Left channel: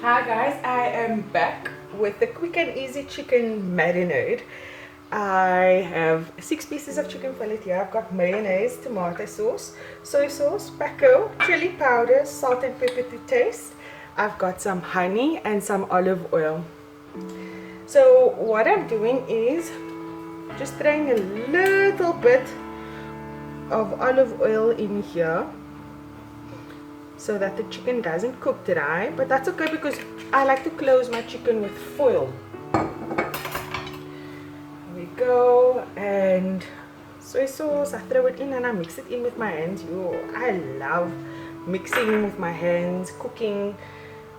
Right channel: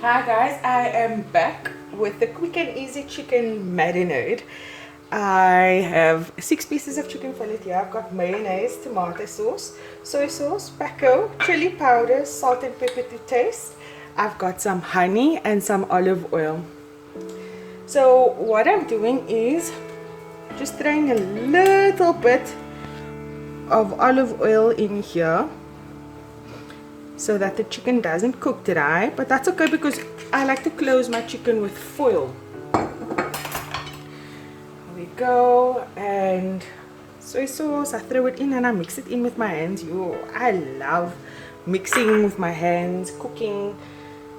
Hi guys, I am back with the quick and easy chicken marinade. I have 6 pieces of chicken fillet here. I've got mayonnaise, tomato sauce, soy sauce, Packo, chili powder, salt and pepper to taste. I've got some honey and some olive oil. So what I'm doing is just throwing a little bit of olive oil in here, so that the chicken doesn't cook dry, but that's okay because I like to close my chicken with foil. Here we go, and soy sauce, I throw it in and I mix it in with my hands. I love mixing with my hands, cooking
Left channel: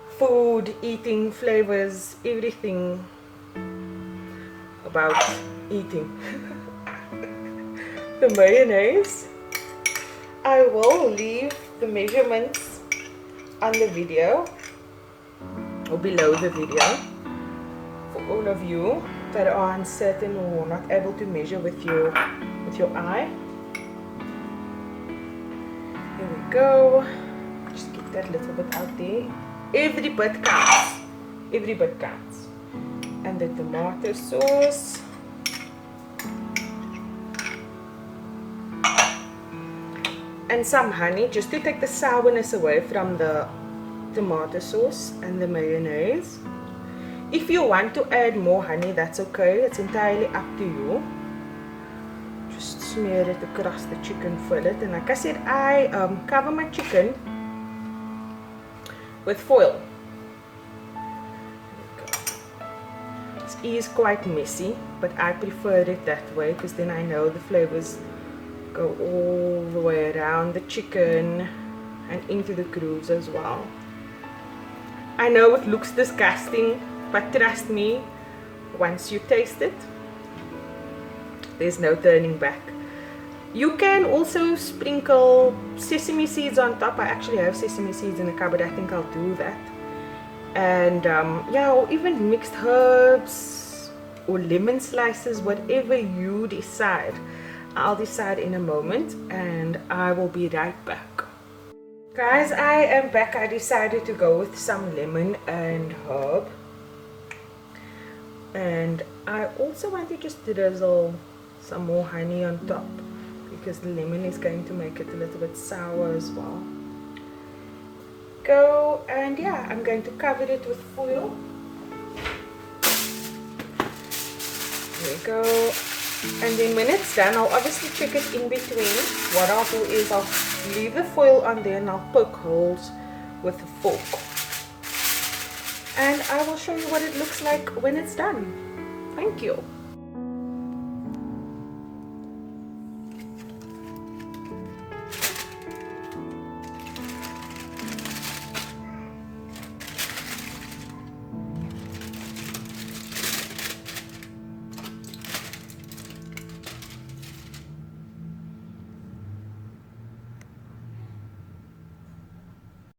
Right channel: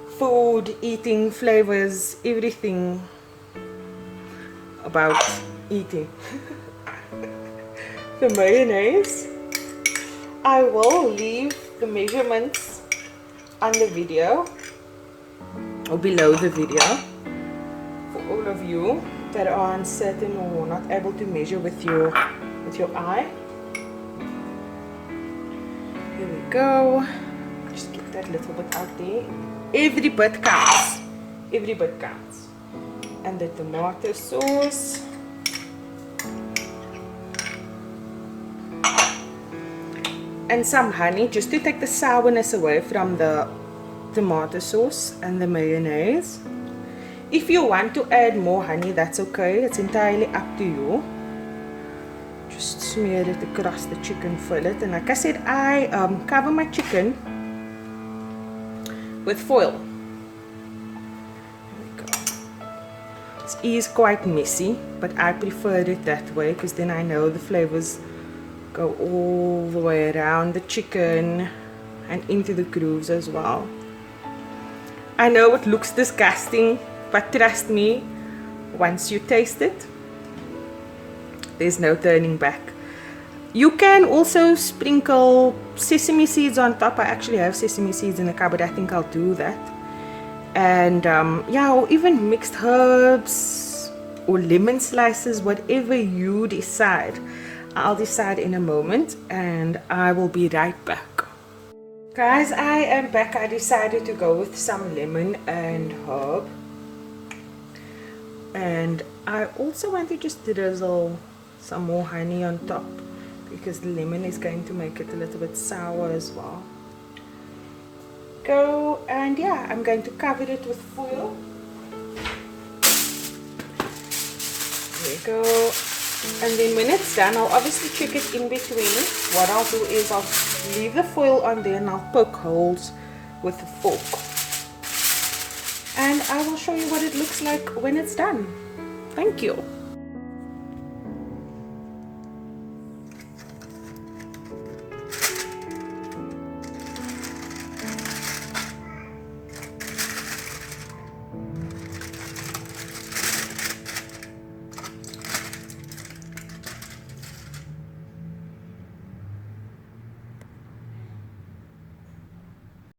food, eating flavors, everything about eating. The mayonnaise, I will leave the measurements on the video or below the video for all of you that are uncertain or not able to measure with your eye. Here we go. Just get that little bit out there. Every bit counts. Every bit counts. And the tomato sauce. And some honey just to take the sourness away from the tomato sauce and the mayonnaise. If you want to add more honey, that's okay. It's entirely up to you. Just smear it across the chicken fillet. And like I said, I cover my chicken with foil. This is quite messy, but I prefer it that way because then I know the flavors go all the way around the chicken and into the grooves as well. I know it looks disgusting, but trust me, once you taste it, there's no turning back. You can also sprinkle sesame seeds on top. I actually have sesame seeds in the cupboard. I think I'll do that. And yeah, or even mixed herbs or lemon slices, whatever you decide. I'll decide in a moment and I will be right back. Guys, I am back. I decided to go with some lemon and herb. And I also want to just drizzle some more honey on top because the lemon is going to make it a little bit sour as well. Go, and yeah, I'm going to cover it with foil. There we go. And then when it's done, I'll obviously check it in between. What I'll do is I'll leave the foil on there and I'll poke holes with a fork. And I will show you what it looks like when it's done. Thank you.